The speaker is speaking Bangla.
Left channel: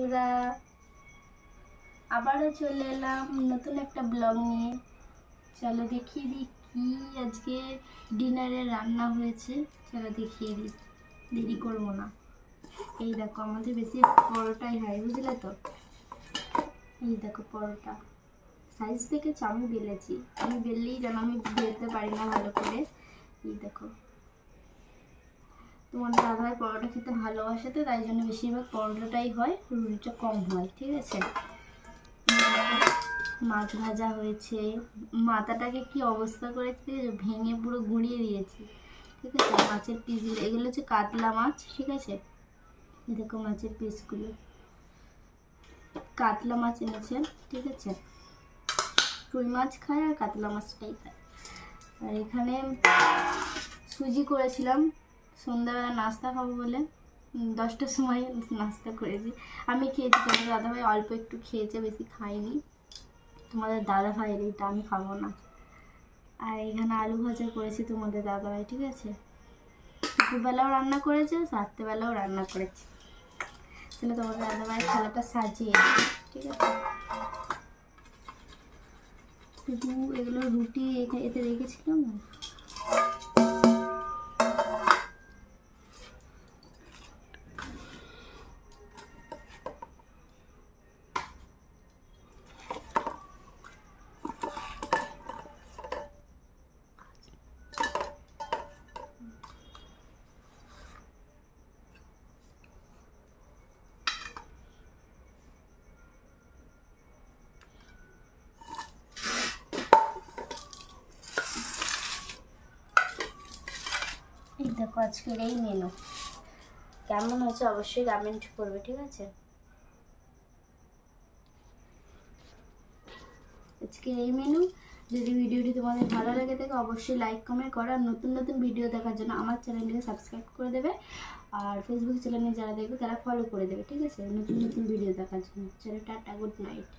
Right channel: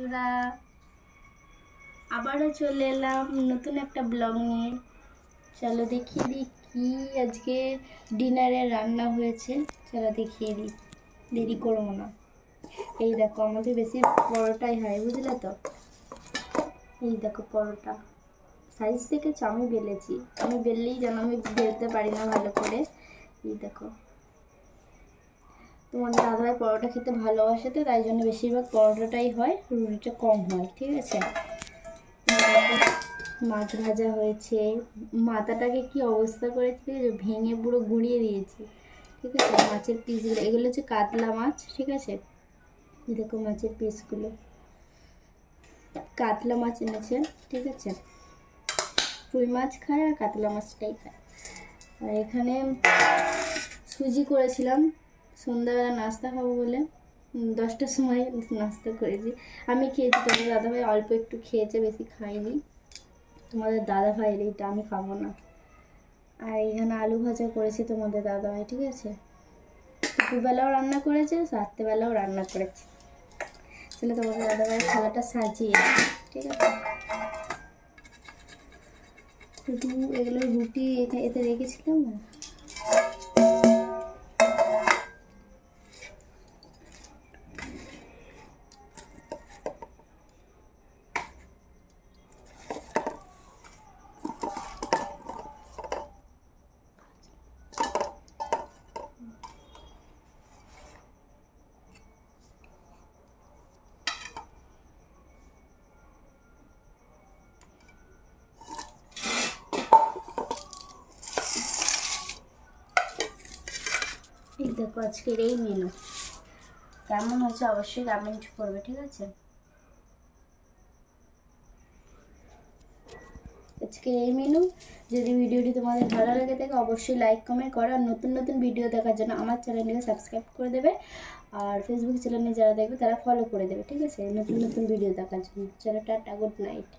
আমরা আবারও চলে এলাম নতুন একটা ব্লগ নিয়ে। চলো দেখিয়ে দিই কি আজকে ডিনারে রান্না হয়েছে। চলো দেখিয়ে দিই, দেরি করবো না। এই দেখো, আমাদের বেশি পরোটাই হয়, বুঝলে তো। এই দেখো পরোটা, সাইজ দেখেছো? আমি বেলেছি, আমি বেললেই যেন আমি বেলতে পারি না ভালো করে। এই দেখো, তোমাদের দাদাভাই পরোটা খেতে ভালোবাসে তো, তাই জন্য বেশিরভাগ পরোটাটাই হয়, রুটিটা কম হয়। ঠিক আছে, মাছ ভাজা হয়েছে। মাথাটাকে কি অবস্থা করেছে দেখেছো? ভেঙে পুরো গুঁড়িয়ে দিয়েছি। ঠিক আছে, মাছের পিসগুলো, এগুলো হচ্ছে কাতলা মাছ। ঠিক আছে, দেখো মাছের পিসগুলো, কাতলা মাছ এনেছে। ঠিক আছে, রুই মাছ খায় আর কাতলা মাছটাই খায়। আর এখানে সুজি করেছিলাম সন্ধ্যাবেলা নাস্তা খাবো বলে, 10টার সময় নাস্তা করেছি। আমি খেয়েছি, তোমাদের দাদাভাই অল্প একটু খেয়েছে, বেশি খাইনি। তোমাদের দাদাভাইয়ের এইটা, আমি খাবো না। আর এখানে আলু ভাজা করেছি তোমাদের দাদাভাই। ঠিক আছে, দুপুরবেলাও রান্না করেছে, রাত্রেবেলাও রান্না করেছে। তাহলে তোমাদের দাদাভাই থালাটা সাজিয়ে, ঠিক আছে। শুধু এগুলো রুটি এতে রেখেছিলাম না। এই দেখো আজকের এই মেনু, কেমন হয়েছে অবশ্যই কমেন্ট করবে। ঠিক আছে, আজকের এই মেনু। যদি ভিডিওটি তোমাদের ভালো লেগে থাকে অবশ্যই লাইক কমেন্ট করো। আর নতুন নতুন ভিডিও দেখার জন্য আমার চ্যানেলটিকে সাবস্ক্রাইব করে দেবে। আর ফেসবুক চ্যানেলে যারা দেখবে তারা ফলো করে দেবে। ঠিক আছে, নতুন নতুন ভিডিও দেখার জন্য। চলো টাটা, গুড নাইট।